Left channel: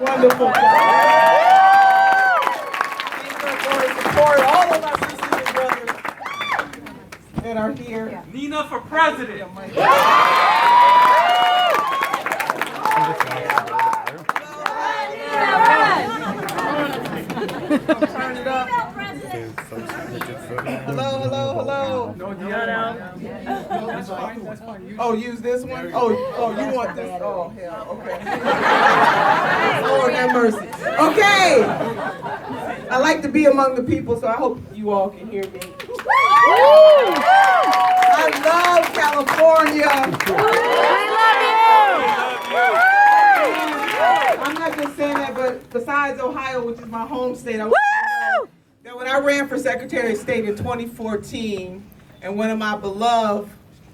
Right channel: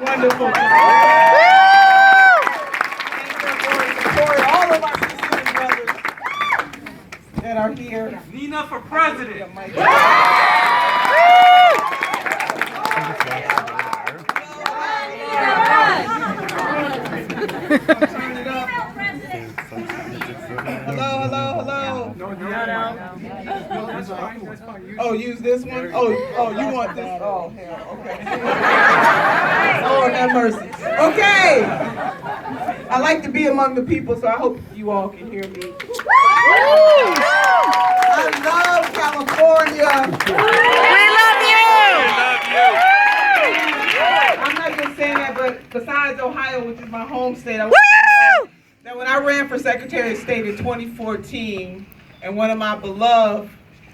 Wonderful job. Thank you for support all of our sisters and brothers that are here. Nina for president. Turn it up. Hello. Oh, use this one? Oh, you want this? Oh, hell, okay. Lord have mercy. Okay. I like to be among the people, so I hope you all can hear me. I love California. I'm not just saying that, but besides Ohio, which is my home state, I want you to know that when I ran for Secretary of State in 2014, and one of my beloved,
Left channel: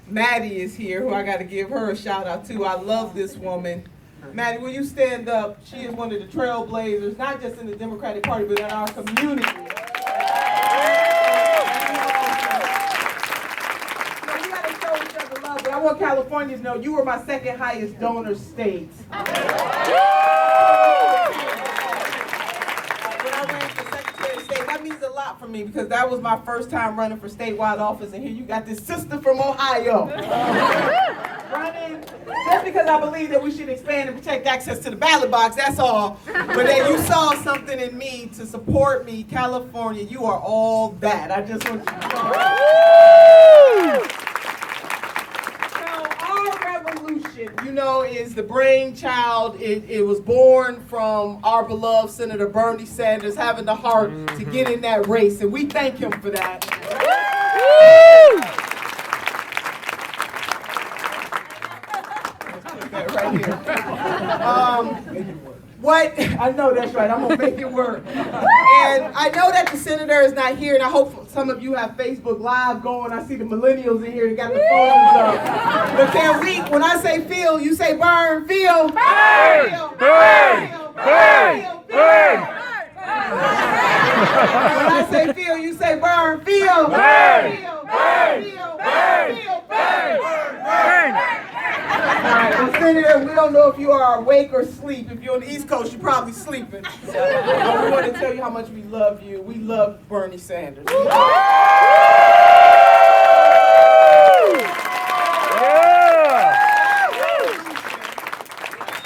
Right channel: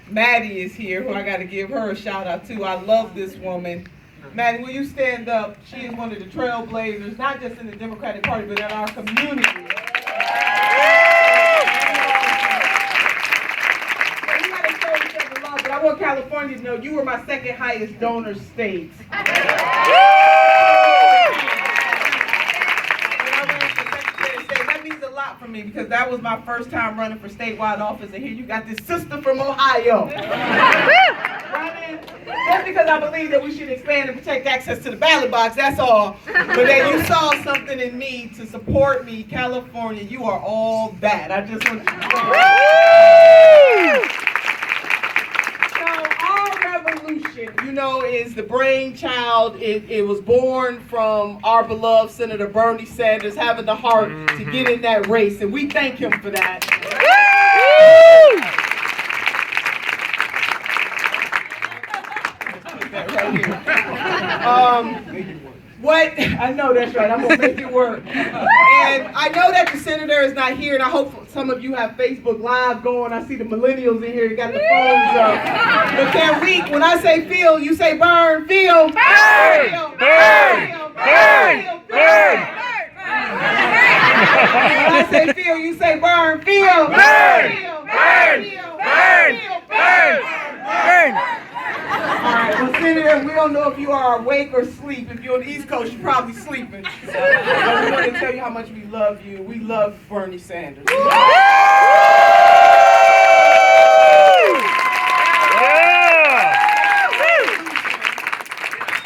Maddie is here, who I got to give her a shout out to. I love this woman. Maddie, will you stand up? She is one of the trailblazers, not just in the Democratic Party, but in our community. So we got to show each other love, but I want California to know you were my second highest donor state. That means a lot for me because that was my first time running for statewide office, and here you got this sister from Ohio running just because I believe that we should expand and protect access to the ballot box, that's all. But that you saw something in me to support me, California, you are all that. I just want you to you know, is the brainchild. It was born from our beloved Senator Bernie Sanders having the heart to get in that race, and we thank him for that. Right here. What? I know that's right. I'm gonna make it work. And I know that the senator is not here, and I hope some of you have Facebook Live going. I see the millennials in here. You got the phones up. But can we? When I say Phil, you say burn. Phil. Burn. Burn. Burn. Burn. When I say Phil, you say burn. Phil. Burn. Burn. Burn. Burn. Burn. Well, Senator, we don't know if you are awake or asleep. If you're on the East Coast, you're probably sleeping. But we want to tell you how much we love you. We love Bernie Sanders.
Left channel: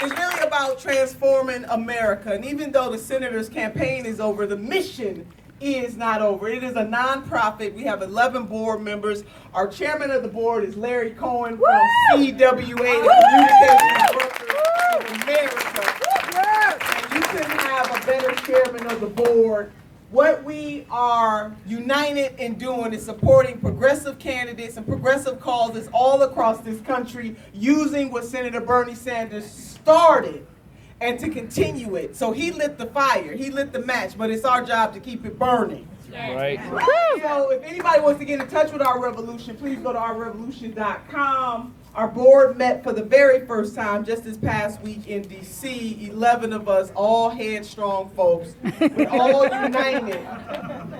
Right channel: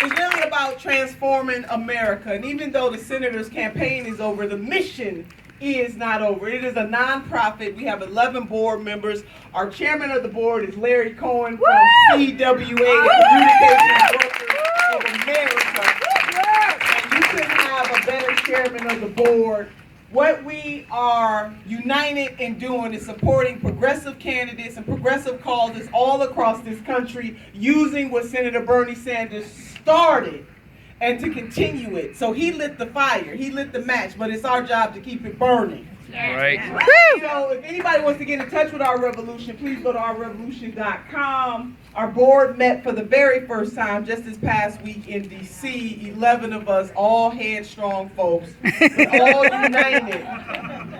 It's really about transforming America. And even though the senator's campaign is over, the mission is not over. It is a nonprofit. We have 11 board members. Our chairman of the board is Larry Cohen from CWA, the Communications Workers of America. And you couldn't have a better chairman of the board. What we are united in doing is supporting progressive candidates and progressive causes all across this country, using what Senator Bernie Sanders started and to continue it. So he lit the fire, he lit the match, but it's our job to keep it burning. Yeah. Right. You know, if anybody wants to get in touch with Our Revolution, please go to ourrevolution.com. Our board met for the very first time just this past week in D.C. 11 of us, all headstrong folks, all united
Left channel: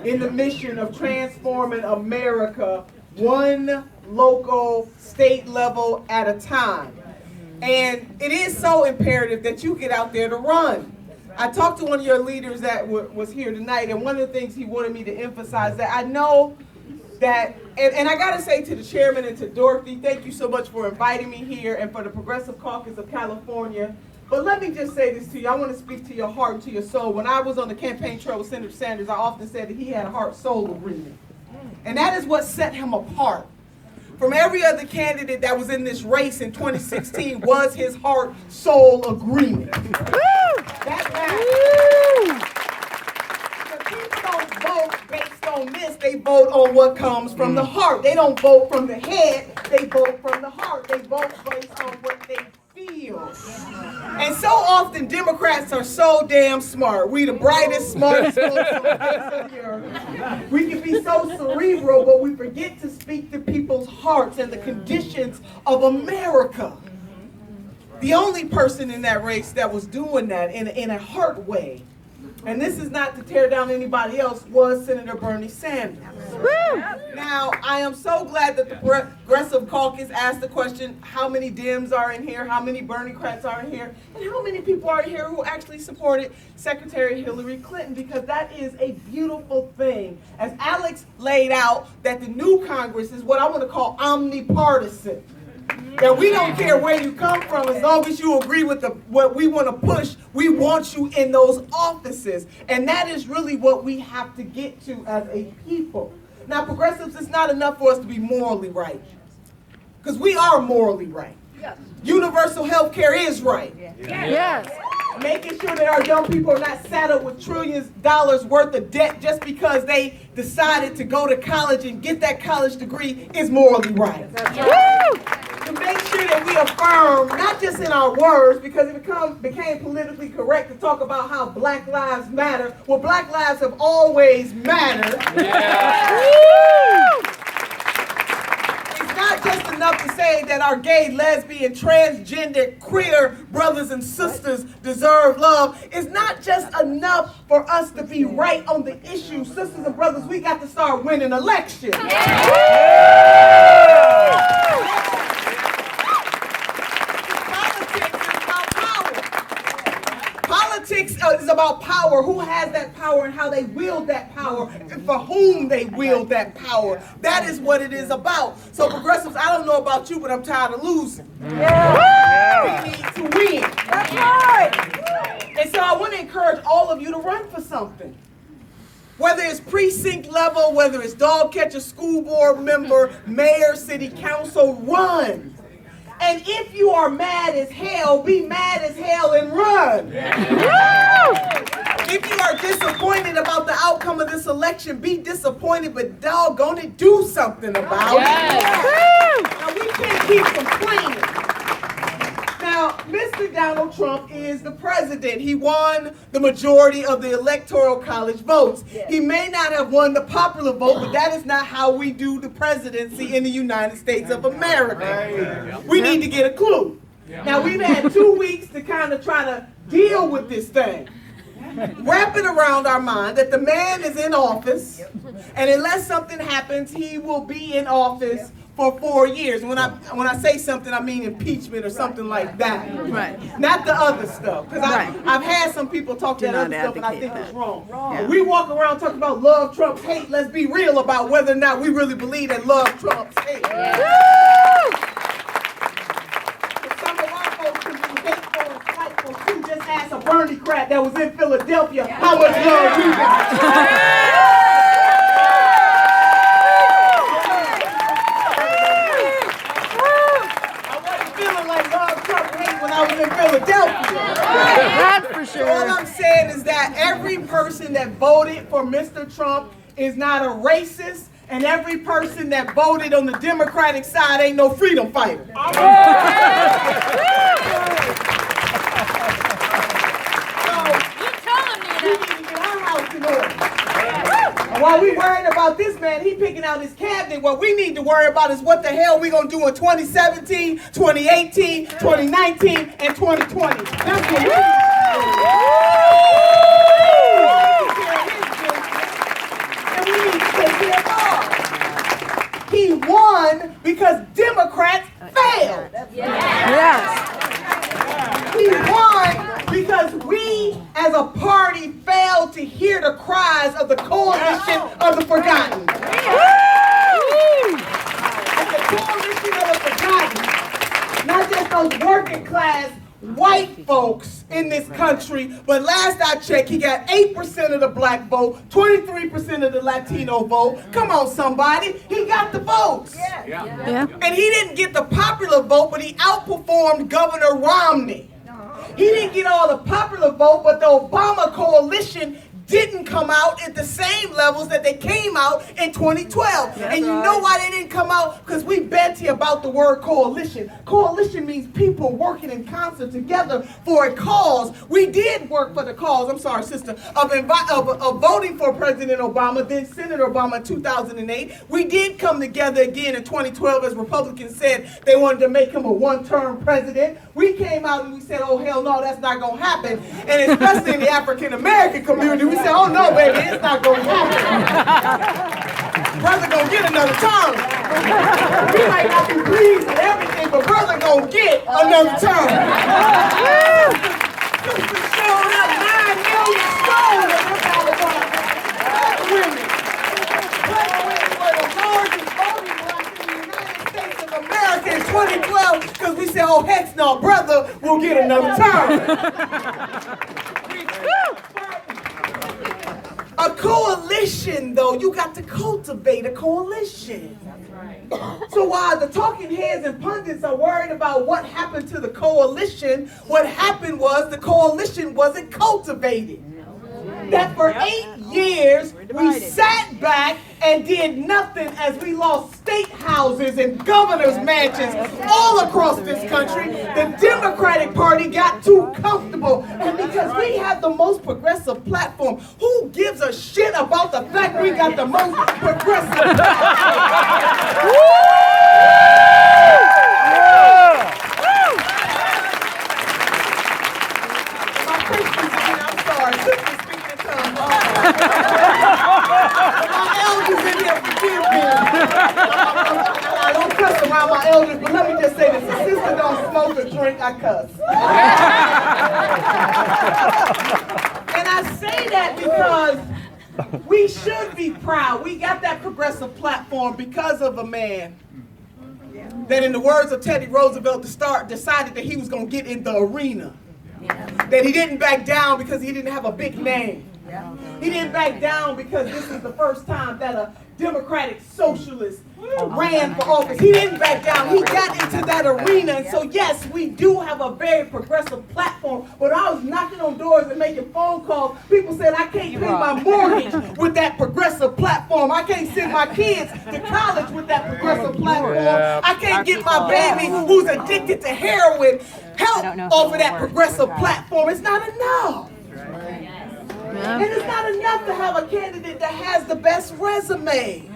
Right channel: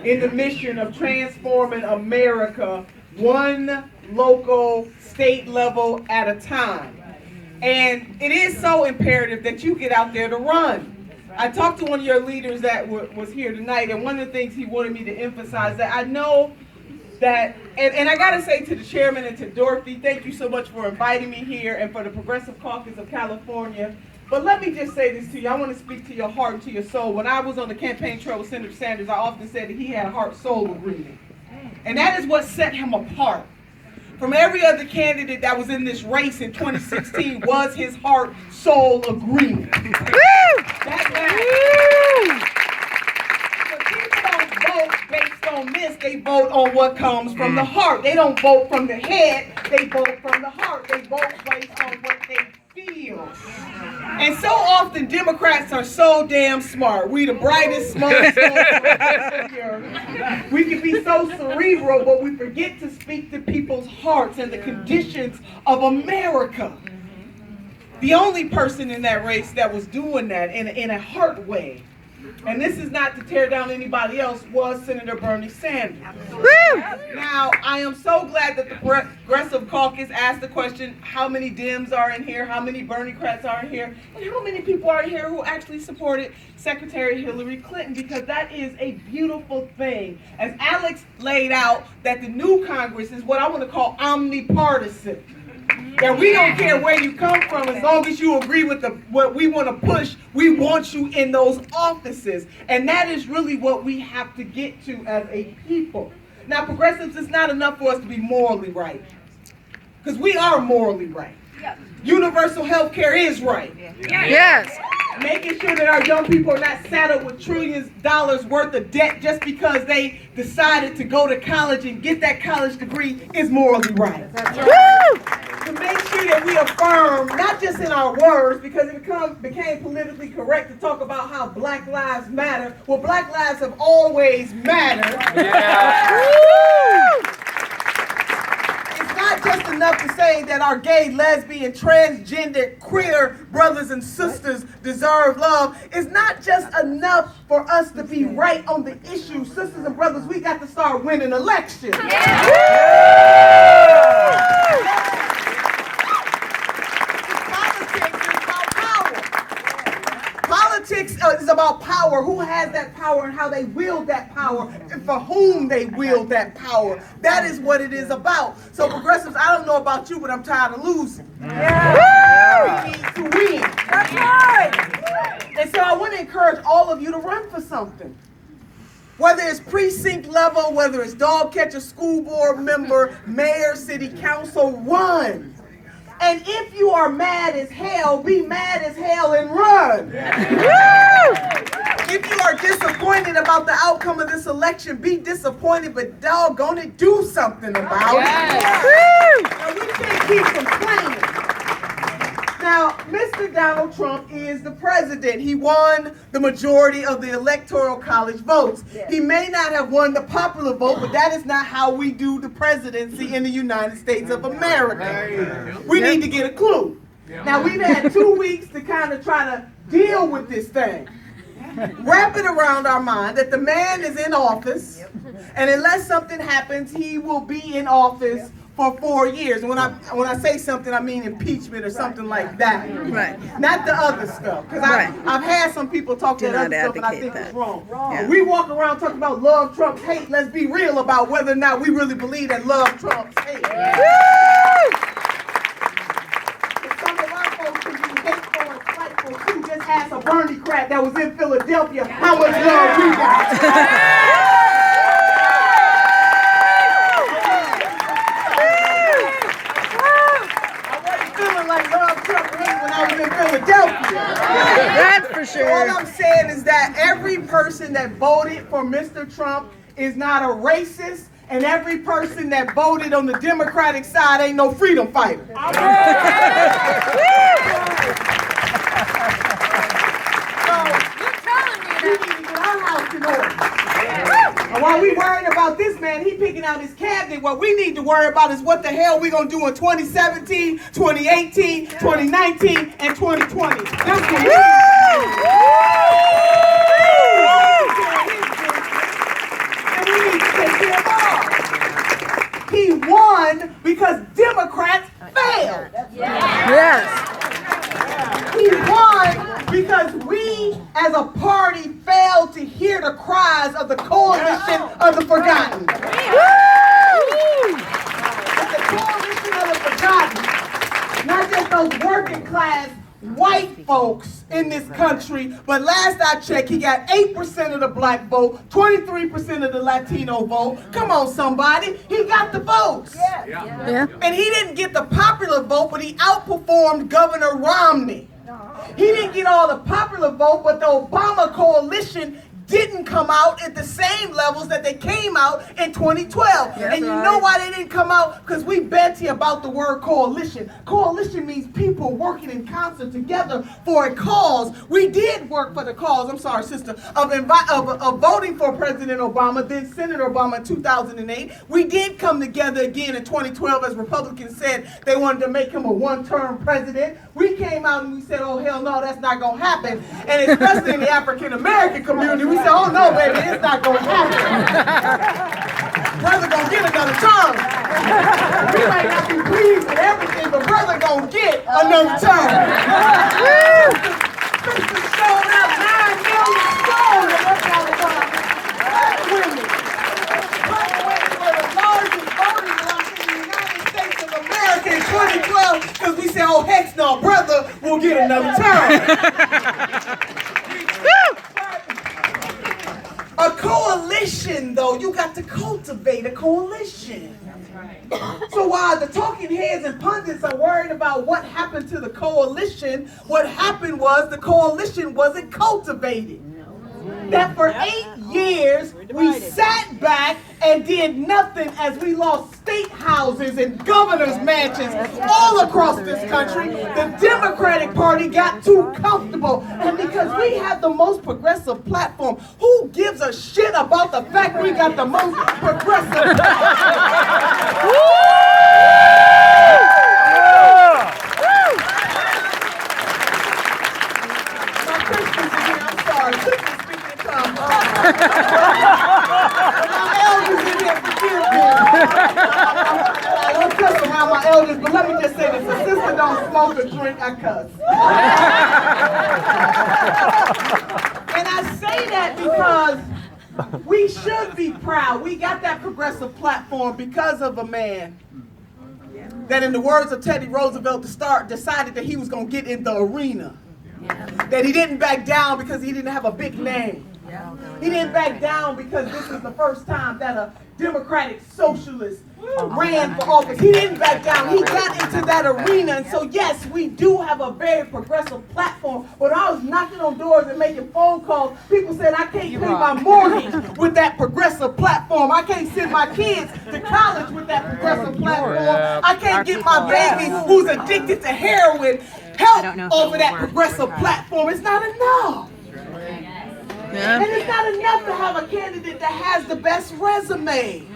in the mission of transforming America one local, state level at a time. And it is so imperative that you get out there to run. I talked to one of your leaders that was here tonight, and one of the things he wanted me to emphasize that I know that, and I gotta say to the chairman and to Dorothy, thank you so much for inviting me here and for the Progressive Caucus of California. But let me just say this to you. I want to speak to your heart and to your soul. When I was on the campaign trail with Senator Sanders, I often said that he had a heart-soul agreement. And that is what set him apart from every other candidate that was in this race in 2016 was his heart-soul agreement. So people don't vote based on this, they vote on what comes from the heart. They don't vote from the head, they vote from the heart. They vote based on what they feel. And so often Democrats are so damn smart. We the brightest, smartest folks on the face of the earth. We can be so cerebral, but we forget to speak to people's hearts and the conditions of America. The only person in that race that was doing that in a heart way and this is not to tear down anybody else, was Senator Bernie Sanders. Now, I am so glad that the Progressive Caucus asked the question, how many Dems are in here, how many Bernie-crats are in here, and how many people are in here who actually supported Secretary Hillary Clinton, because that is a beautiful thing. As Alex laid out, that the new Congress is what I want to call omnipartisan. That we don't care where you come from, as long as you agree with what we want to push, we want you in those offices. And that is really what we have to get to as a people. Now, progressives, it's not enough for us to be morally right, because we are morally right. Universal health care is right. Yes. Making sure that our young people are not saddled with trillions of dollars worth of debt just because they decided to go to college and get that college degree is morally right. To make sure that we affirm, not just in our words, because it became politically correct to talk about how Black Lives Matter. Well, Black lives have always mattered. It's not just enough to say that our gay, lesbian, transgender, queer brothers and sisters deserve love. It's not just enough for us to be right on the issue. Sisters and brothers, we got to start winning elections. Politics is about power, who has that power and how they wield that power and for whom they wield that power. That is what it is about. So progressives, I don't know about you, but I'm tired of losing. We need to win. That's right. And so I want to encourage all of you to run for something. Whether it's precinct level, whether it's dog catcher, school board member, mayor, city council, run. And if you are mad as hell, be mad as hell and run. If you are disappointed about the outcome of this election, be disappointed, but doggone it, do something about it. Now, we can't keep complaining. Now, Mr. Donald Trump is the president. He won the majority of the Electoral College votes. He may not have won the popular vote, but that is not how we do the presidency in the United States of America. We need to get a clue. Now, we've had 2 weeks to kind of try to deal with this thing. Wrap it around our mind that the man is in office, and unless something happens, he will be in office for 4 years. When I say something, I mean impeachment or something like that. Right. Not the other stuff. Because I've had some people talk that other stuff and I think it's wrong. Yeah. We walk around talking about love trumps hate. Let's be real about whether or not we really believe that love trumps hate. Some of our folks can be hateful and spiteful too. Just ask a Bernie-crat that was in Philadelphia how much love we got. That's for sure. All I'm saying is that every person that voted for Mr. Trump is not a racist, and every person that voted on the Democratic side ain't no freedom fighter. And while we worried about this man, he picking out his cabinet, what we need to worry about is what the hell we going to do in 2017, 2018, 2019, and 2020. That's what we need to do. And we need to take care of all. He won because Democrats failed. Yes. He won because we as a party failed to hear the cries of the coalition of the forgotten. It's the coalition of the forgotten. Not just those working class white folks in this country, but last I checked, he got 8% of the black vote, 23% of the Latino vote. Come on, somebody. He got the votes. Yeah. And he didn't get the popular vote, but he outperformed Governor Romney. He didn't get all the popular vote, but the Obama coalition didn't come out at the same levels that they came out in 2012. That's and you right. know why they didn't come out? Because we bet you about the word coalition. Coalition means people working in concert together for a cause. We did work for the cause, I'm sorry, sister, of voting for President Obama, then Senator Obama in 2008. We did come together again in 2012 as Republicans said they wanted to make him a one-term president. We came out and we said, oh, hell no, that's not going to happen. And especially in the African-American community, we said, oh, no, baby, it's not going to happen. Brother going to get another term. We might not be pleased with everything, but brother going to get another term. Sister showed up 9 million strong in North Carolina. Women. The largest voting bloc in the United States of America in 2012 because we said, oh, heck no, brother will get another term. A coalition, though, you got to cultivate a coalition. So while the talking heads and pundits are worried about what happened to the coalition, what happened was the coalition wasn't cultivated. That for 8 years, we sat back and did nothing as we lost state houses and governor's mansions all across this country. The Democratic Party got too comfortable. And because we have the most progressive platform, who gives a shit about the fact we got the most progressive platform? I'm sorry, sister speaking in tongues. My elders in here, forgive me. I don't cuss around my elders, but let me just say this. If sister don't smoke or drink, I cuss. And I say that because we should be proud. We got that progressive platform because of a man that, in the words of Teddy Roosevelt, decided that he was going to get in the arena. That he didn't back down because he didn't have a big name. He didn't back down because this was the first time that a Democratic socialist ran for office. He didn't back down. He got into that arena. And so, yes, we do have a very progressive platform. When I was knocking on doors and making phone calls, people said, I can't pay my mortgage with that progressive platform. I can't send my kids to college with that progressive platform. I can't get my baby who's addicted to heroin help off of that progressive platform. It's not enough. And it's not enough to have a candidate that has the best resume,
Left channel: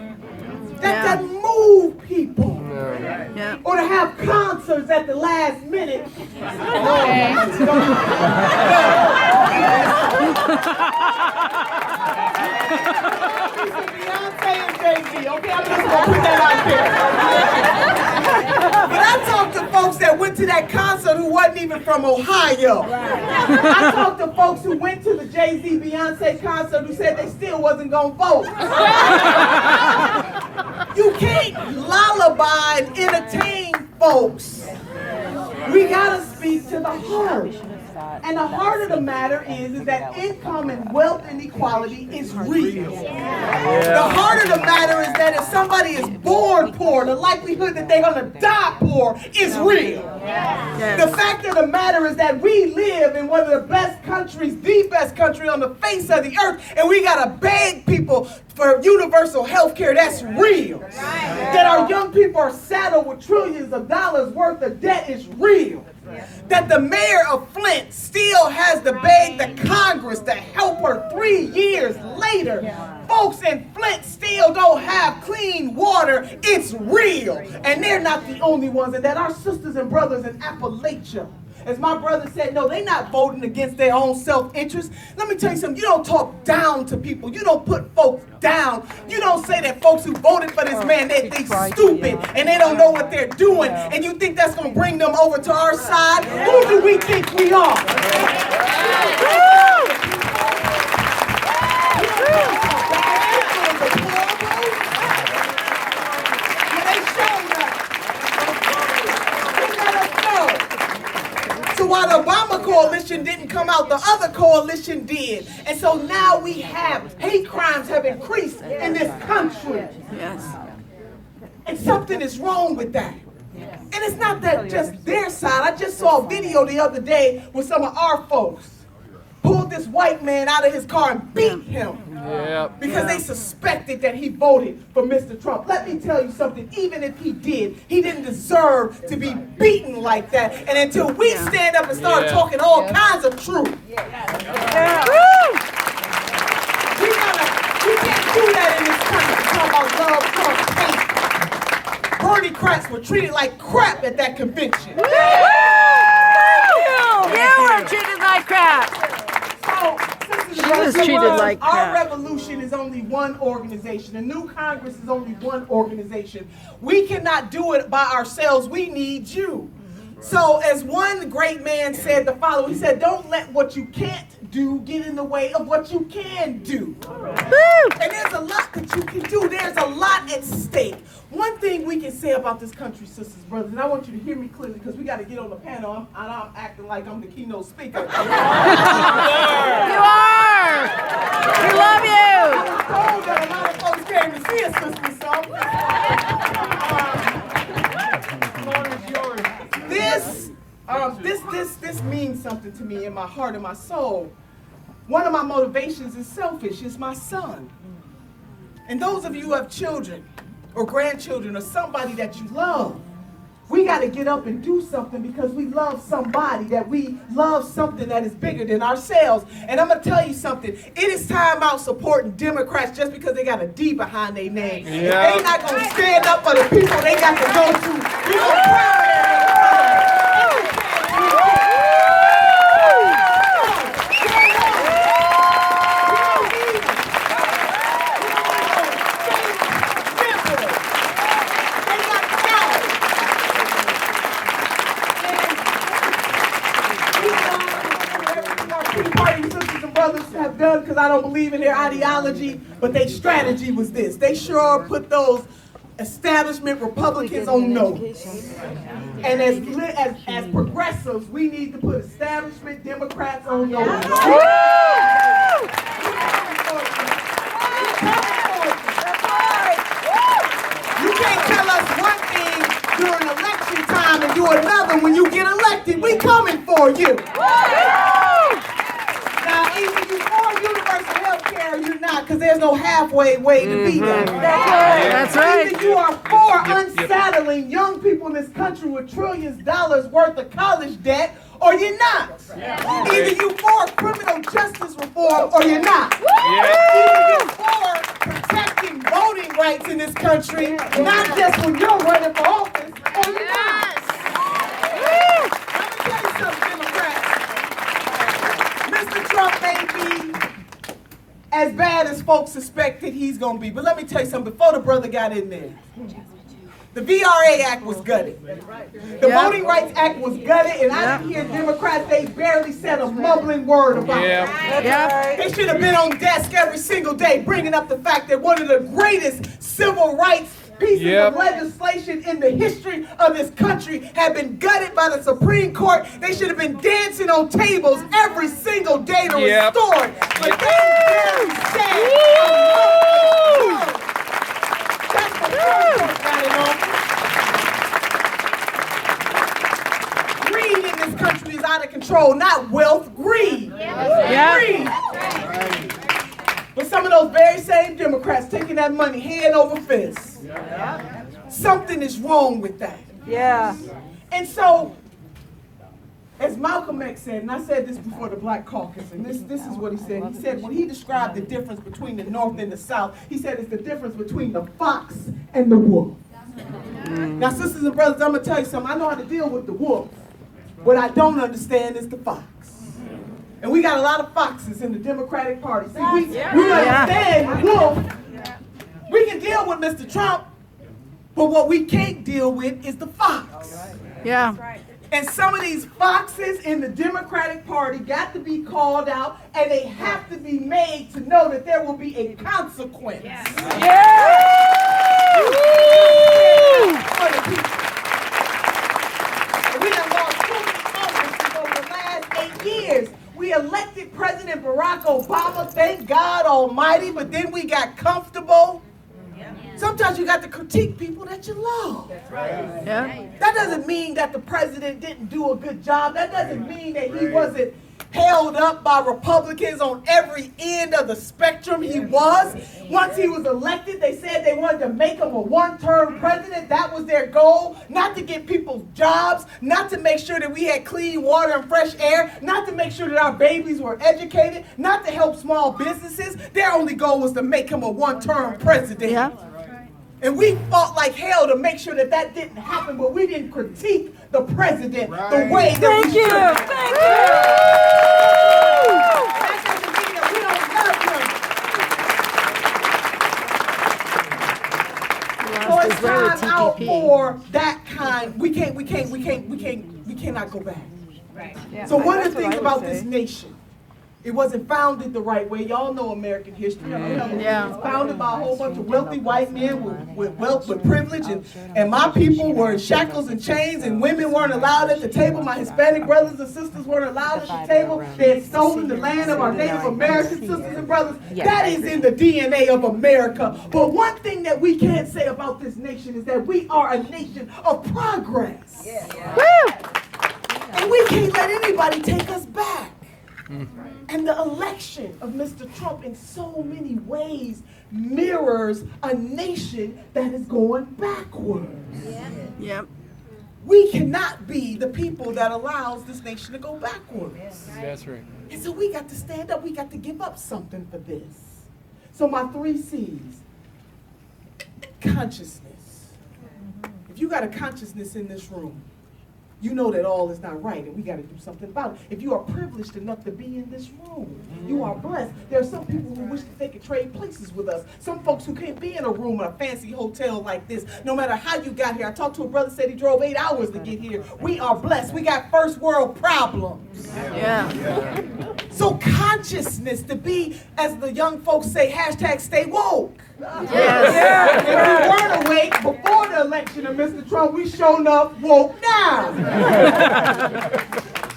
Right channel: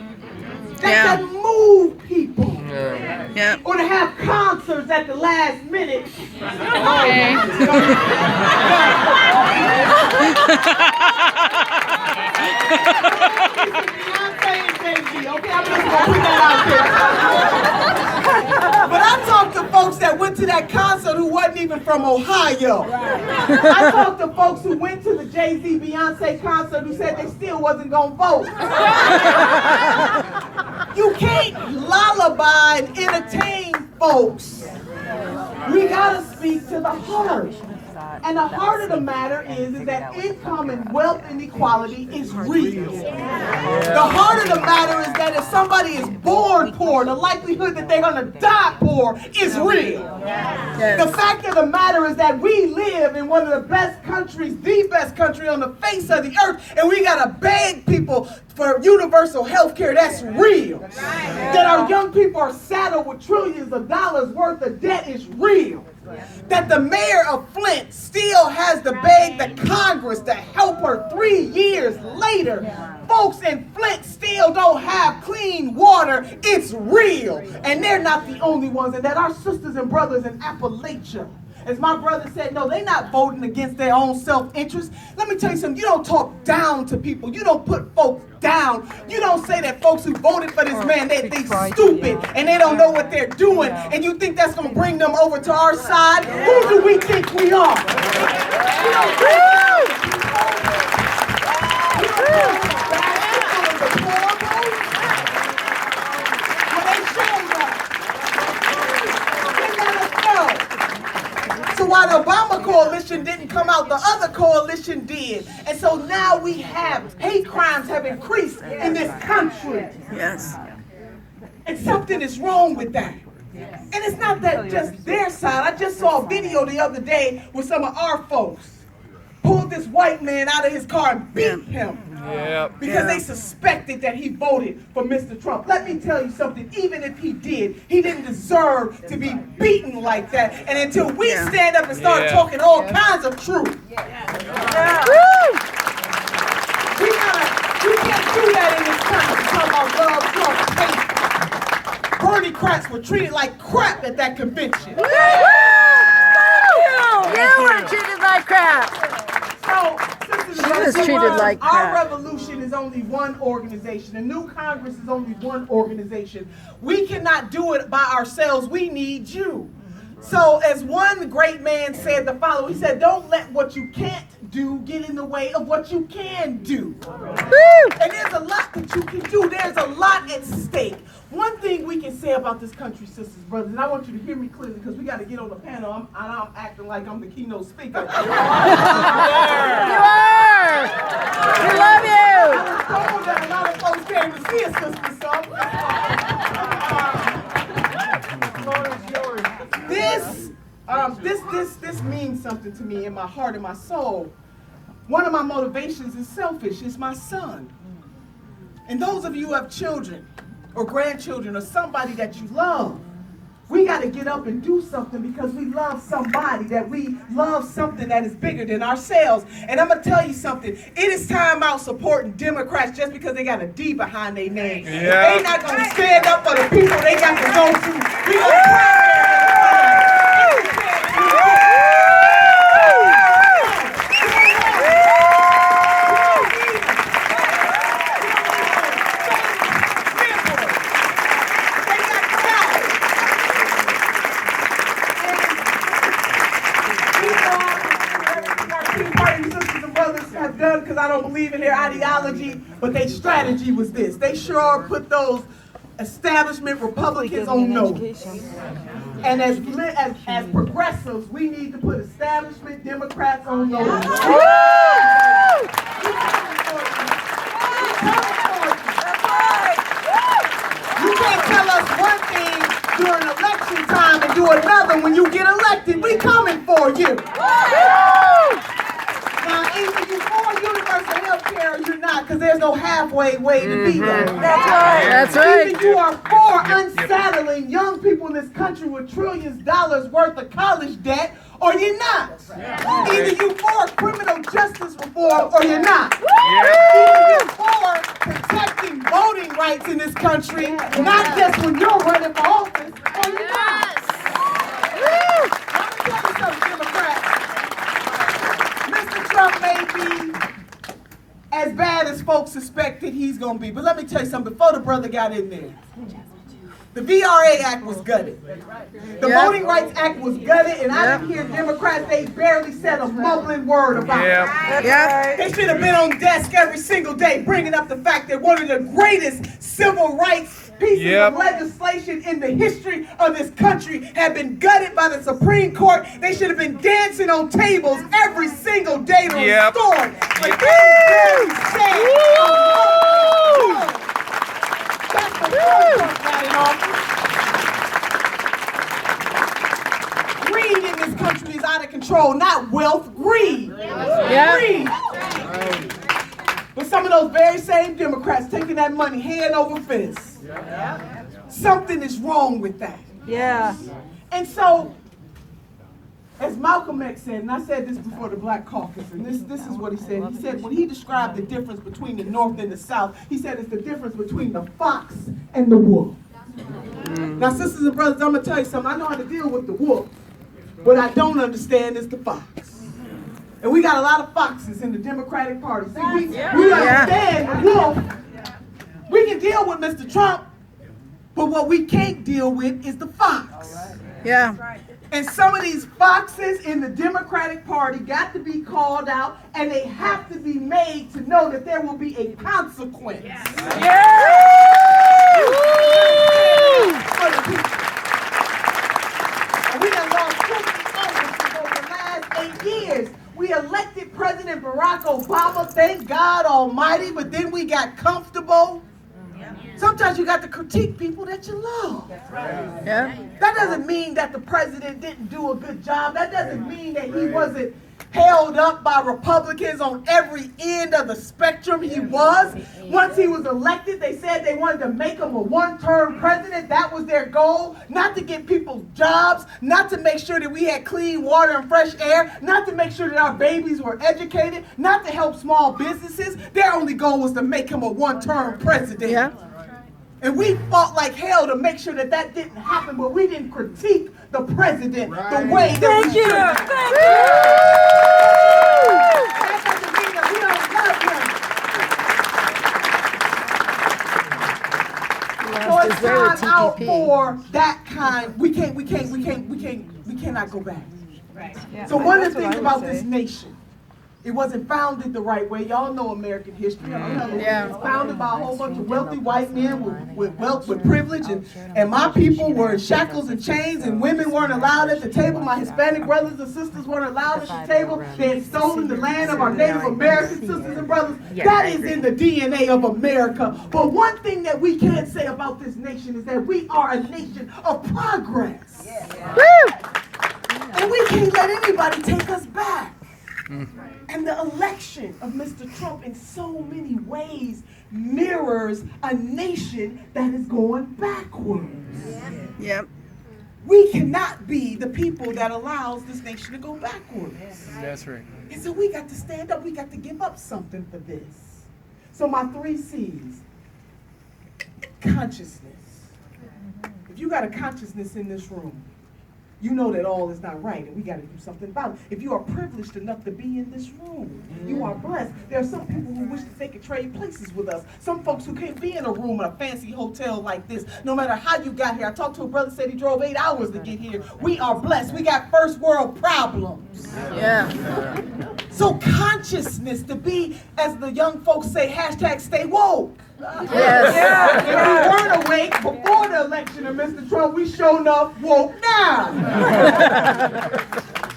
that can move people, or to have concerts at the last minute. Okay. Beyonce and Jay-Z. Okay, I'm just gonna put that out there. But I talked to folks that went to that concert who wasn't even from Ohio. I talked to folks who went to the Jay-Z Beyonce concert who said they still wasn't gonna vote. You can't lullaby and entertain folks. We gotta speak to the heart. And the heart of the matter is that income and wealth inequality is real. The heart of the matter is that if somebody is born poor, the likelihood that they're going to die poor is real. The fact of the matter is that we live in one of the best countries, the best country on the face of the earth, and we got to beg people for universal health care. That's real. That our young people are saddled with trillions of dollars worth of debt is real. That the mayor of Flint still has to beg the Congress to help her 3 years later. Folks in Flint still don't have clean water. It's real. And they're not the only ones. And that our sisters and brothers in Appalachia, as my brother said, no, they're not voting against their own self-interest. Let me tell you something. You don't talk down to people. You don't put folks down. You don't say that folks who voted for this man, they stupid and they don't know what they're doing. And you think that's going to bring them over to our side? Who do we think we are? So while the Obama coalition didn't come out, the other coalition did. And so now we have hate crimes have increased in this country. Yes. And something is wrong with that. And it's not that just their side. I just saw a video the other day with some of our folks pulled this white man out of his car and beat him. Because they suspected that he voted for Mr. Trump. Let me tell you something, even if he did, he didn't deserve to be beaten like that. And until we stand up and start talking all kinds of truth, we can't do that in this country. Talk about love, Trump, hate. Bernie Kratz were treated like crap at that convention. You were treated like crap. So, She was treated like crap. Our revolution is only one organization. The new Congress is only one organization. We cannot do it by ourselves. We need you. So as one great man said the following, he said, don't let what you can't do get in the way of what you can do. And there's a lot that you can do. There's a lot at stake. One thing we can say about this country, sisters, brothers, and I want you to hear me clearly because we got to get on the panel. I'm acting like I'm the keynote speaker. You are. We love you. I was told that a lot of folks came to see us, sisters, This means something to me in my heart and my soul. One of my motivations is selfish. It's my son. And those of you who have children or grandchildren or somebody that you love, we got to get up and do something because we love somebody, that we love something that is bigger than ourselves. And I'm going to tell you something. It is time out supporting Democrats just because they got a D behind their name. They're not going to stand up for the people they got to go to. We gonna because I don't believe in their ideology, but their strategy was this. They sure put those establishment Republicans on notice. And as progressives, we need to put establishment Democrats on notice. You can't tell us one thing during election time and do another when you get elected. We coming for you. Now, either you for universal health care or you're not, because there's no halfway way to be that. That's right. That's right. Either you are for unsettling young people in this country with trillions of dollars worth of college debt, or you're not. Either you for criminal justice reform, or you're not. Either you for protecting voting rights in this country, not just when you're running for office, or you're not. Trump may be as bad as folks suspected he's going to be. But let me tell you something. Before the brother got in there, the VRA Act was gutted. The Voting Rights Act was gutted, and I didn't hear Democrats, they barely said a mumbling word about it. They should have been on desk every single day bringing up the fact that one of the greatest civil rights pieces of legislation in the history of this country had been gutted by the Supreme Court. They should have been dancing on tables every single day to restore it. But they didn't say that's the greed in this country is out of control, not wealth, greed. Greed. But some of those very same Democrats taking that money hand over fist. Something is wrong with that. And so, as Malcolm X said, and I said this before the Black Caucus, and this is what he said. He said, when he described the difference between the North and the South, he said it's the difference between the fox and the wolf. Now, sisters and brothers, I'm going to tell you something. I know how to deal with the wolf. What I don't understand is the fox. And we got a lot of foxes in the Democratic Party. See, we understand the wolf. We can deal with Mr. Trump, but what we can't deal with is the fox. And some of these foxes in the Democratic Party got to be called out, and they have to be made to know that there will be a consequence. For the people. And we done lost so many Congress over the last 8 years. We elected President Barack Obama, thank God Almighty, but then we got comfortable. Sometimes you got to critique people that you love. That doesn't mean that the president didn't do a good job. That doesn't mean that he wasn't held up by Republicans on every end of the spectrum he was. Once he was elected, they said they wanted to make him a one-term president. That was their goal, not to get people jobs, not to make sure that we had clean water and fresh air, not to make sure that our babies were educated, not to help small businesses. Their only goal was to make him a one-term president. Yeah. And we fought like hell to make sure that that didn't happen, but we didn't critique the president the way that we should. Thank you. That doesn't mean that we don't love him. So Lost it's his way with time out TPP. for that kind. We cannot go back. Right. Yeah, So one of that's the what things I would about say. this nation, it wasn't founded the right way. Y'all know American history. Yeah. It was founded by a whole bunch of wealthy white men with wealth, with privilege, and my people were in shackles and chains, and women weren't allowed at the table. My Hispanic brothers and sisters weren't allowed at the table. They had stolen the land of our Native American sisters and brothers. That is in the DNA of America. But one thing that we can say about this nation is that we are a nation of progress. Woo! And we can't let anybody take us back. And the election of Mr. Trump in so many ways mirrors a nation that is going backwards. Yep. We cannot be the people that allows this nation to go backwards. That's right. And so we got to stand up. We got to give up something for this. So my 3 C's. Consciousness. If you got a consciousness in this room, you know that all is not right, and we got to do something about it. If you are privileged enough to be in this room, you are blessed. There are some people who wish that they could trade places with us. Some folks who can't be in a room in a fancy hotel like this, no matter how you got here. I talked to a brother, said he drove 8 hours to get here. We are blessed. We got first world problems. Yeah. So consciousness, to be, as the young folks say, hashtag stay woke. Yes. If we weren't awake before the election of Mr. Trump, we showed up woke now.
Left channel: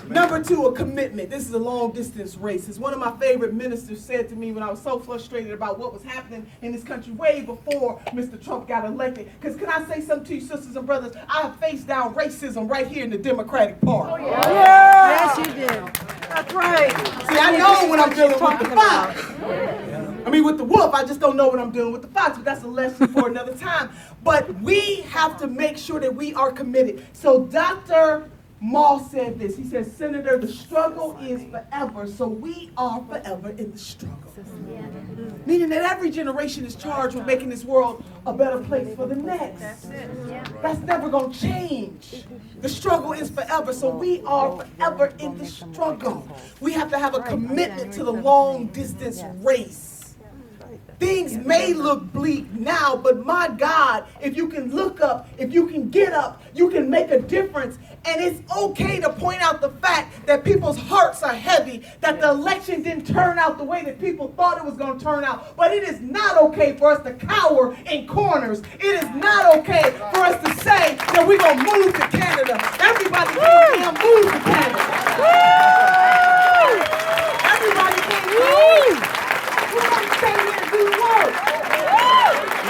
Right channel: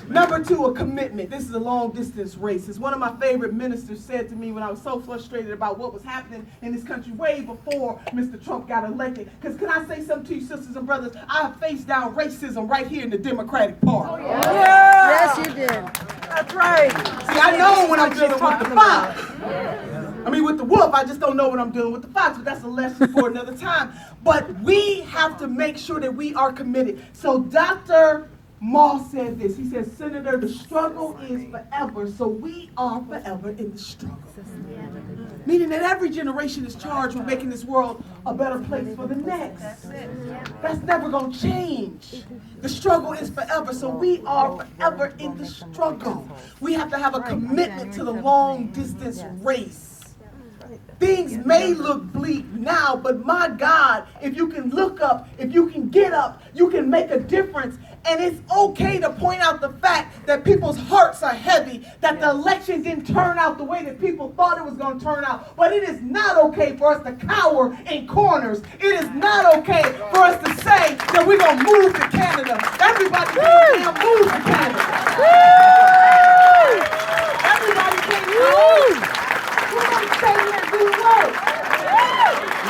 Number 2, a commitment. This is a long distance race. As one of my favorite ministers said to me when I was so frustrated about what was happening in this country way before Mr. Trump got elected. Because can I say something to you, sisters and brothers? I have faced down racism right here in the Democratic Party. Yes, you did. That's right. See, I know when I'm dealing with the fox. I mean, with the wolf, I just don't know when I'm dealing with the fox, but that's a lesson for another time. But we have to make sure that we are committed. So Dr. Moss said this. He said, Senator, the struggle is forever, so we are forever in the struggle. Meaning that every generation is charged with making this world a better place for the next. That's never going to change. The struggle is forever, so we are forever in the struggle. We have to have a commitment to the long distance race. Things may look bleak now, but my God, if you can look up, if you can get up, you can make a difference. And it's okay to point out the fact that people's hearts are heavy, that the election didn't turn out the way that people thought it was going to turn out. But it is not okay for us to cower in corners. It is not okay for us to say that we're going to move to Canada. Everybody can't move to Canada. Everybody can't move. We want to stay here and do work.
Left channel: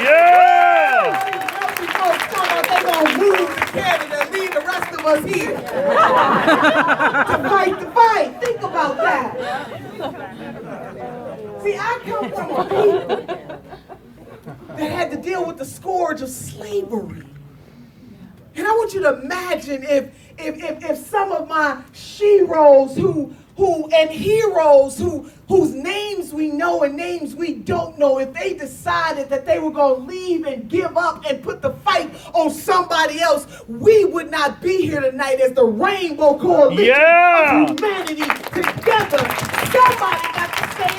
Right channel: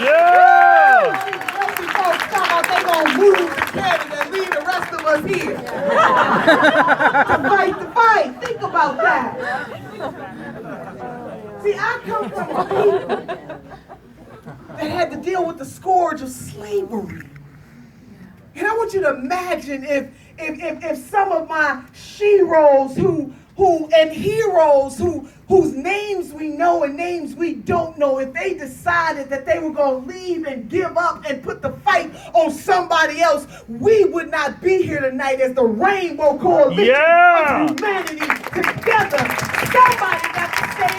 Yeah! Wealthy folks talk about they going to move to Canada and leave the rest of us here. To fight the fight. Think about that. See, I come from a people that had to deal with the scourge of slavery. And I want you to imagine if some of my sheroes who and heroes whose names we know and names we don't know, if they decided that they were going to leave and give up and put the fight on somebody else, we would not be here tonight as the Rainbow Coalition of humanity together. Somebody got to stay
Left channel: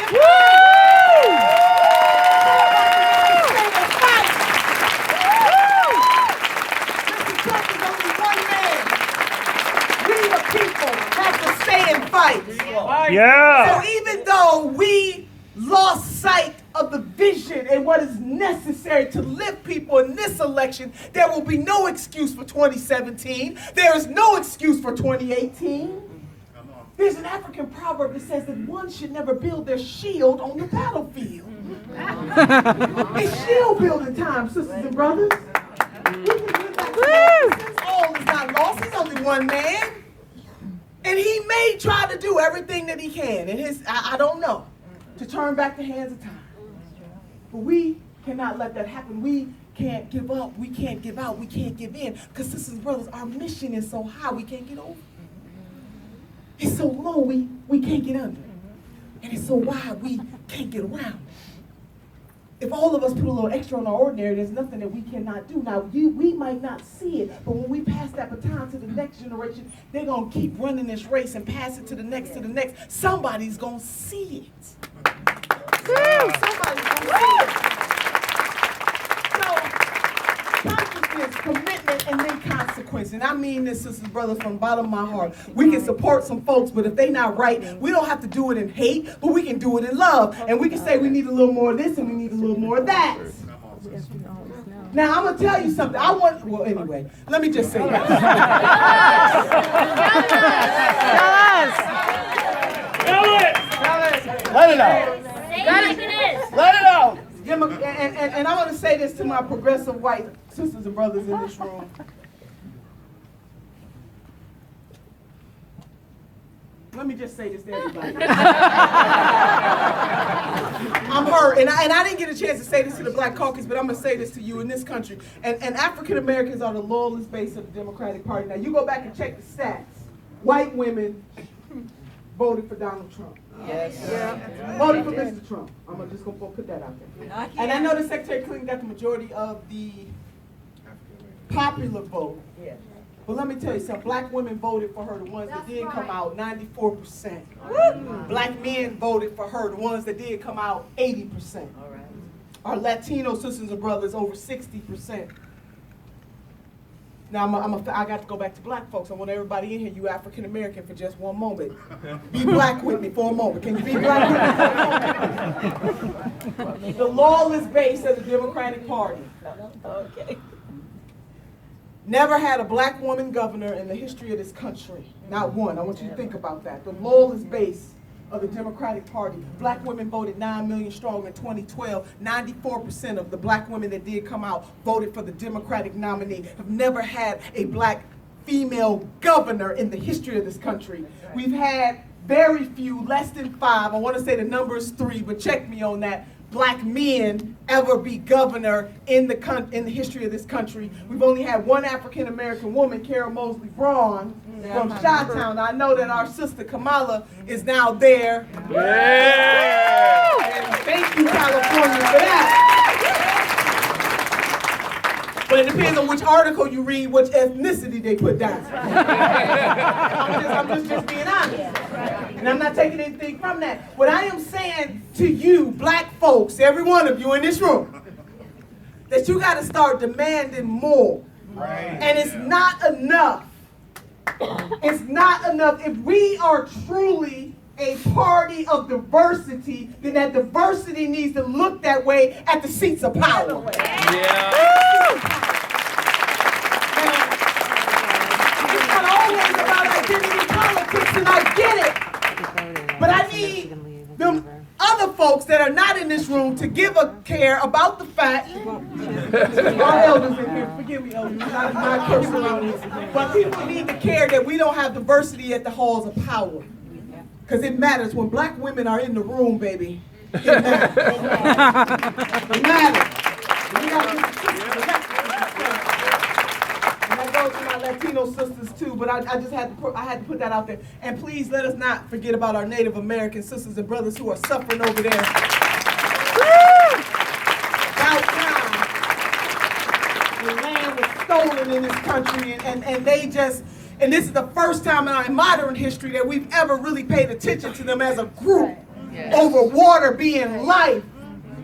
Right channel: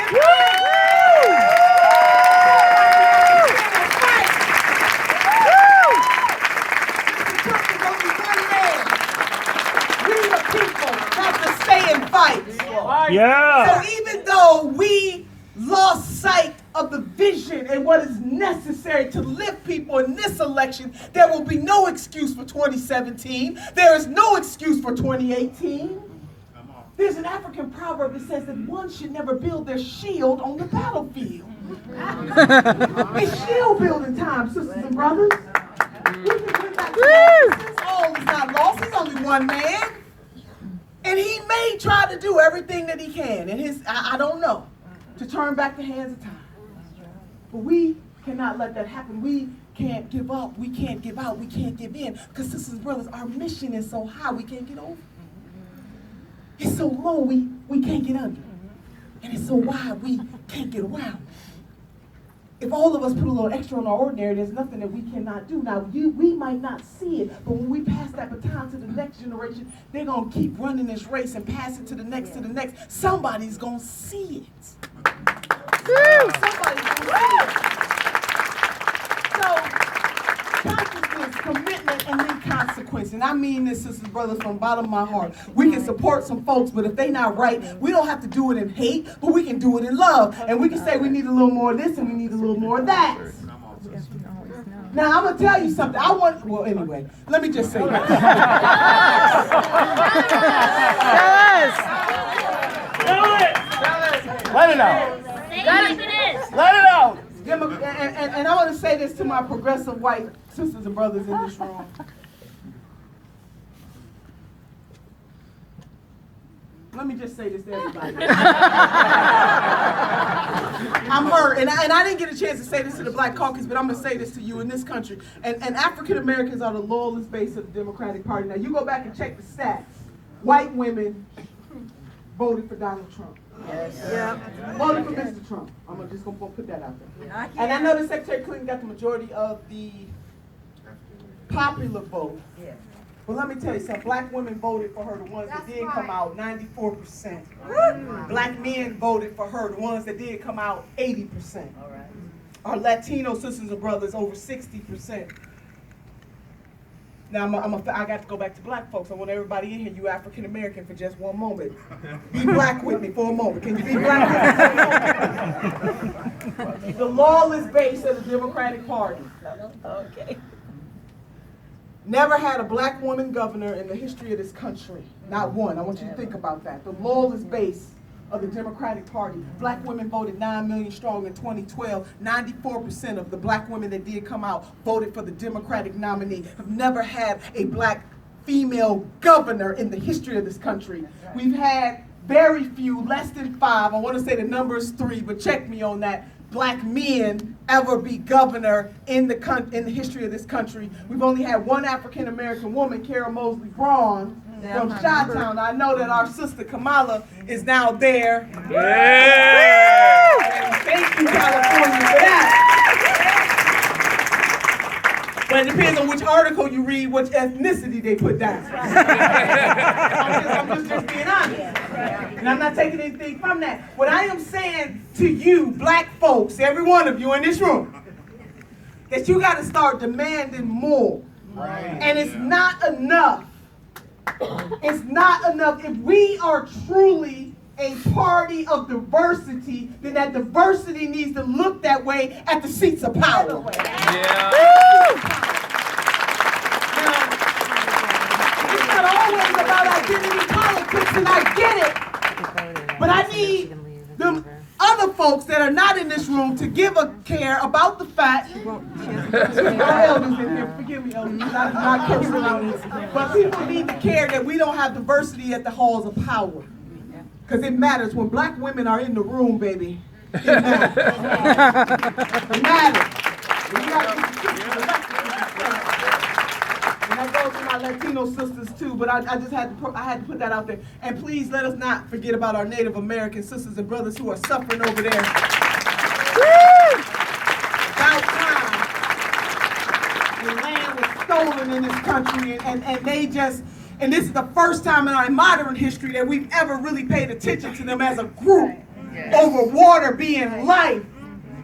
in fight. Yeah! So even though we lost sight of the vision and what is necessary to lift people in this election, there will be no excuse for 2017. There is no excuse for 2018. There's an African proverb that says that one should never build their shield on the battlefield. It's shield building time, sisters and brothers. We can bring back all is not lost. He's only one man. And he may try to do everything that he can, and I don't know, to turn back the hands of time. But we cannot let that happen. We can't give up. We can't give out. We can't give in. Because sisters and brothers, our mission is so high, we can't get over. It's so low, we can't get under. And it's so wide, we can't get around. If all of us put a little extra on our ordinary, there's nothing that we cannot do. Now, we might not see it, but when we pass that baton to the next generation, they're going to keep running this race and pass it to the next, to the next. Somebody's going to see it. Somebody's going to see it. So, consciousness, commitment, and then consequence. And I mean this, sisters and brothers, from the bottom of my heart. We can support some folks, but if they're not right, we don't have to do it in hate, but we can do it in love. And we can say we need a little more of this and we need a little more of that. Now, I'm going to tell you something. Well, anyway, let me just say that. Let it out. Let it out. And I want to say this to my progressive white sisters and brothers in this room. Let me just say this to everybody. I'm hurt, and I didn't get a chance to say this to the Black Caucus, but I'm going to say this to you in this country. And African Americans are the loyalist base of the Democratic Party. Now, you go back and check the stats. White women voted for Donald Trump. Yes. Yeah. Voted for Mr. Trump. I'm just going to put that out there. And I know that Secretary Clinton got the majority of the popular vote. Yeah. But let me tell you something, black women voted for her, the ones that did come out, 94%. Black men voted for her, the ones that did come out, 80%. All right. Our Latino sisters and brothers, over 60%. Now, I got to go back to black folks. I want everybody in here, you African American, for just one moment. Be black with me for a moment. Can you be black with me for a moment? The lawless base of the Democratic Party. Okay. Never had a black woman governor in the history of this country. Not one. I want you to think about that. The lawless base of the Democratic Party. Black women voted 9 million strong in 2012. 94% of the black women that did come out voted for the Democratic nominee. Have never had a black female governor in the history of this country. We've had very few, less than 5. I want to say the number is 3, but check me on that. Black men ever be governor in the history of this country. We've only had one African American woman, Kara Mosley Braun, from Chi-Town. I know that our sister Kamala is now there. Yeah. Thank you, California, for that. But it depends on which article you read, which ethnicity they put down. I'm just being honest. And I'm not taking anything from that. What I am saying to you, black folks, every one of you in this room, that you got to start demanding more. Right. And it's not enough. It's not enough. If we are truly a party of diversity, then that diversity needs to look that way at the seats of power. Yeah. It's not always about identity politics, and I get it. But I need the other folks that are not in this room to give a care about the fact. Our elders in here, forgive me, elders, not cursing on this, but people need to care that we don't have diversity at the halls of power. Because it matters. When black women are in the room, baby, it matters. It matters. And that goes to my Latino sisters too, but I just had to put that out there. And please let us not forget about our Native American sisters and brothers who are suffering over there. About time, the land was stolen in this country, and they just. And this is the first time in modern history that we've ever really paid attention to them as a group over water being life,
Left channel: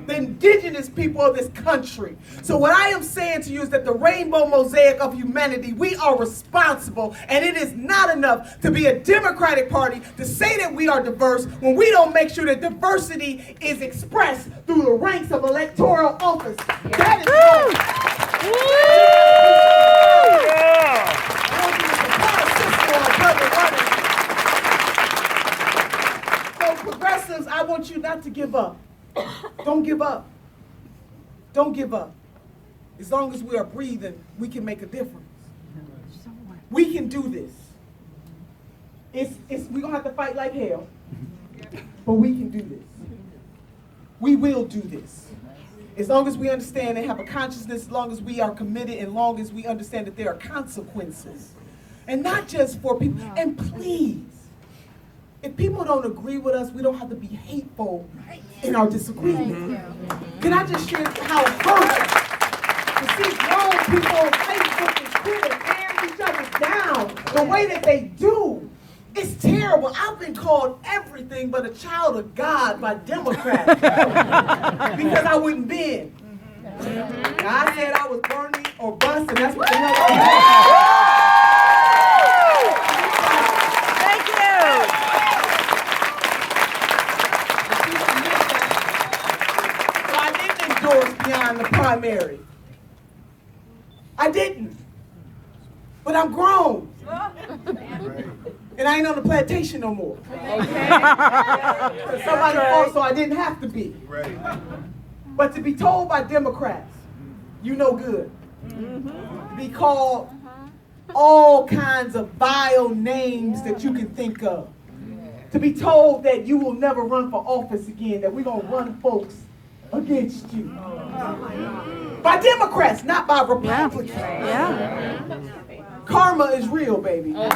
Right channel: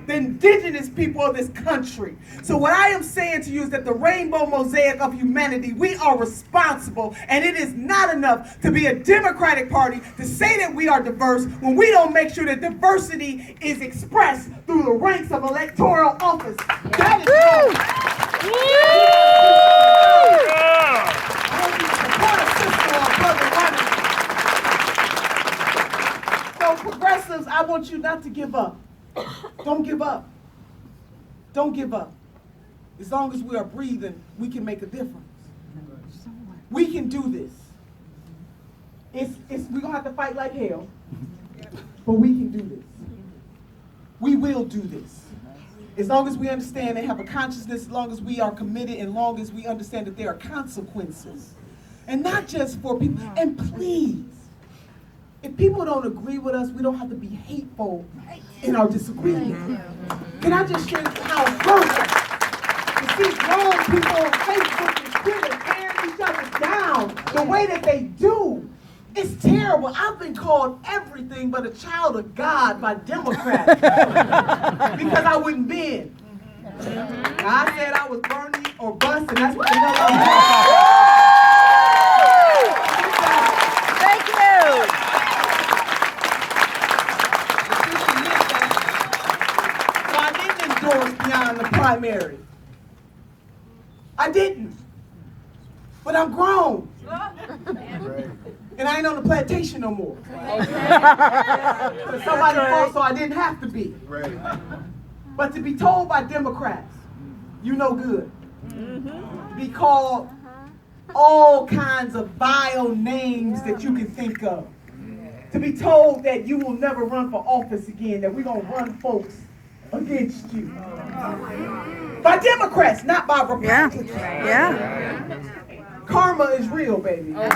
the indigenous people of this country. So what I am saying to you is that the rainbow mosaic of humanity, we are responsible, and it is not enough to be a Democratic Party to say that we are diverse when we don't make sure that diversity is expressed through the ranks of electoral office. That is So progressives, I want you not to give up. Don't give up. Don't give up. As long as we are breathing, we can make a difference. We can do this. we're gonna have to fight like hell, but we can do this. We will do this. As long as we understand and have a consciousness, as long as we are committed, and as long as we understand that there are consequences. And not just for people. And please, if people don't agree with us, we don't have to be hateful in our disagreement. Can I just share how it hurts to see grown people on Facebook and Twitter tearing each other down the way that they do? It's terrible. I've been called everything but a child of God by Democrats because I wouldn't bend. God said I was Bernie or bust, and that's what the hell I Thank you. So I didn't endorse beyond the primary. I didn't. But I'm grown. And I ain't on the plantation no more. Somebody fought, so I didn't have to be. But to be told by Democrats, you no good. Be called all kinds of vile names that you can think of. To be told that you will never run for office again, that we're going to run folks against you. By Democrats, not by Republicans. Yeah. Karma is real, baby. So what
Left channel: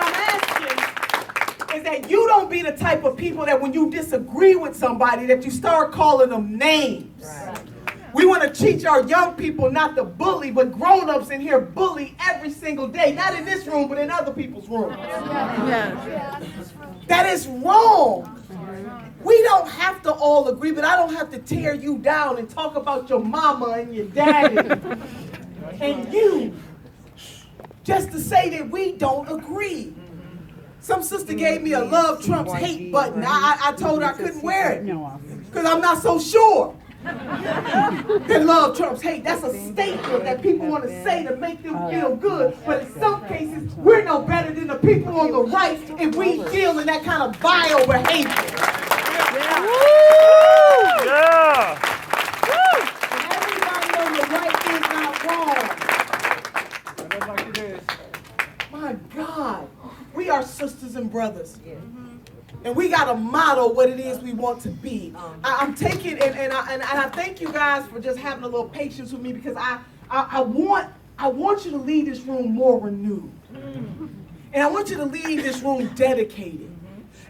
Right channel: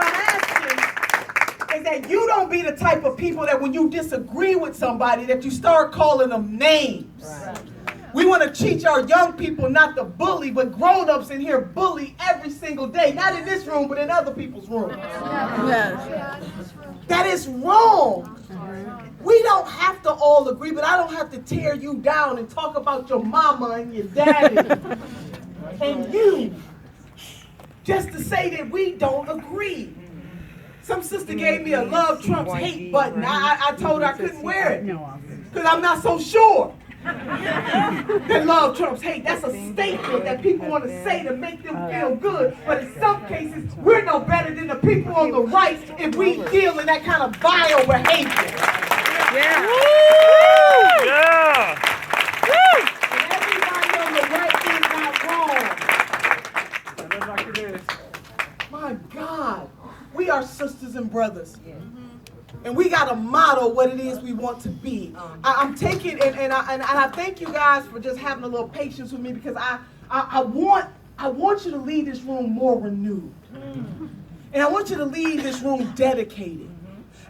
I'm asking is that you don't be the type of people that when you disagree with somebody that you start calling them names. Right. We want to teach our young people not to bully, but grown-ups in here bully every single day. Not in this room, but in other people's rooms. Yes. That is wrong. We don't have to all agree, but I don't have to tear you down and talk about your mama and your daddy and you just to say that we don't agree. Some sister gave me a love Trump's hate button. I told her I couldn't wear it because I'm not so sure that love Trump's hate. That's a statement that people want to say to make them feel good. But in some cases, we're no better than the people on the right if we deal in that kind of vile behavior. Yeah. Woo! Yeah. Woo! And everybody on the right is not wrong. Like it is. My God, we are sisters and brothers. And we got to model what it is we want to be. I'm taking, and I thank you guys for just having a little patience with me because I want you to leave this room more renewed. And I want you to leave this room dedicated.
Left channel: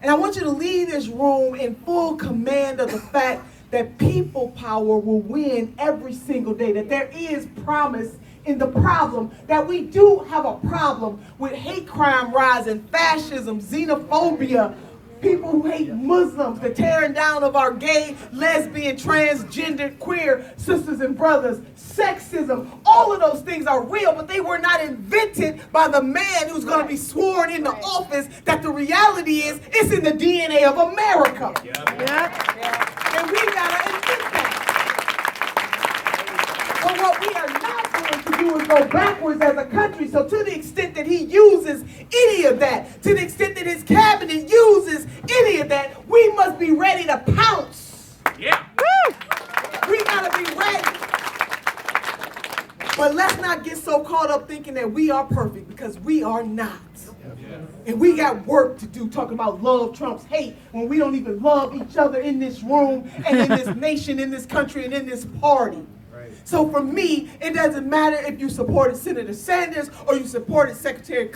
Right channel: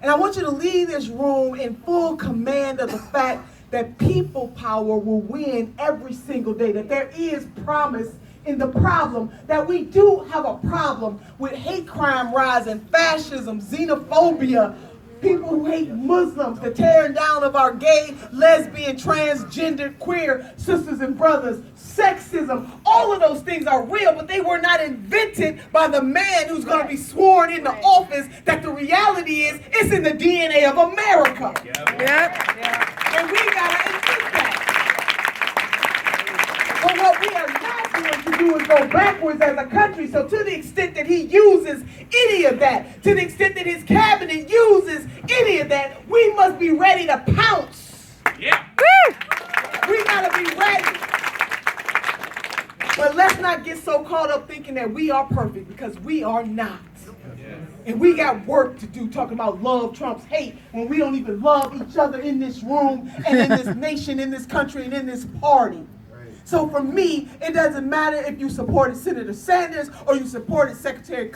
And I want you to leave this room in full command of the fact that people power will win every single day, that there is promise in the problem, that we do have a problem with hate crime rising, fascism, xenophobia, people who hate Muslims, the tearing down of our gay, lesbian, transgender, queer sisters and brothers, sexism. All of those things are real, but they were not invented by the man who's going to be sworn into office. That the reality is, it's in the DNA of America. And we got to admit that. But what we are not going to do is go backwards as a country. So to the extent that he uses any of that, to the extent that his cabinet uses any of that, we must be ready to pounce. Yeah. We got to be ready. But let's not get so caught up thinking that we are perfect, because we are not. And we got work to do talking about love Trump's hate when we don't even love each other in this room and in this nation, in this country, and in this party. So for me, it doesn't matter if you supported Senator Sanders or you supported Secretary Clinton.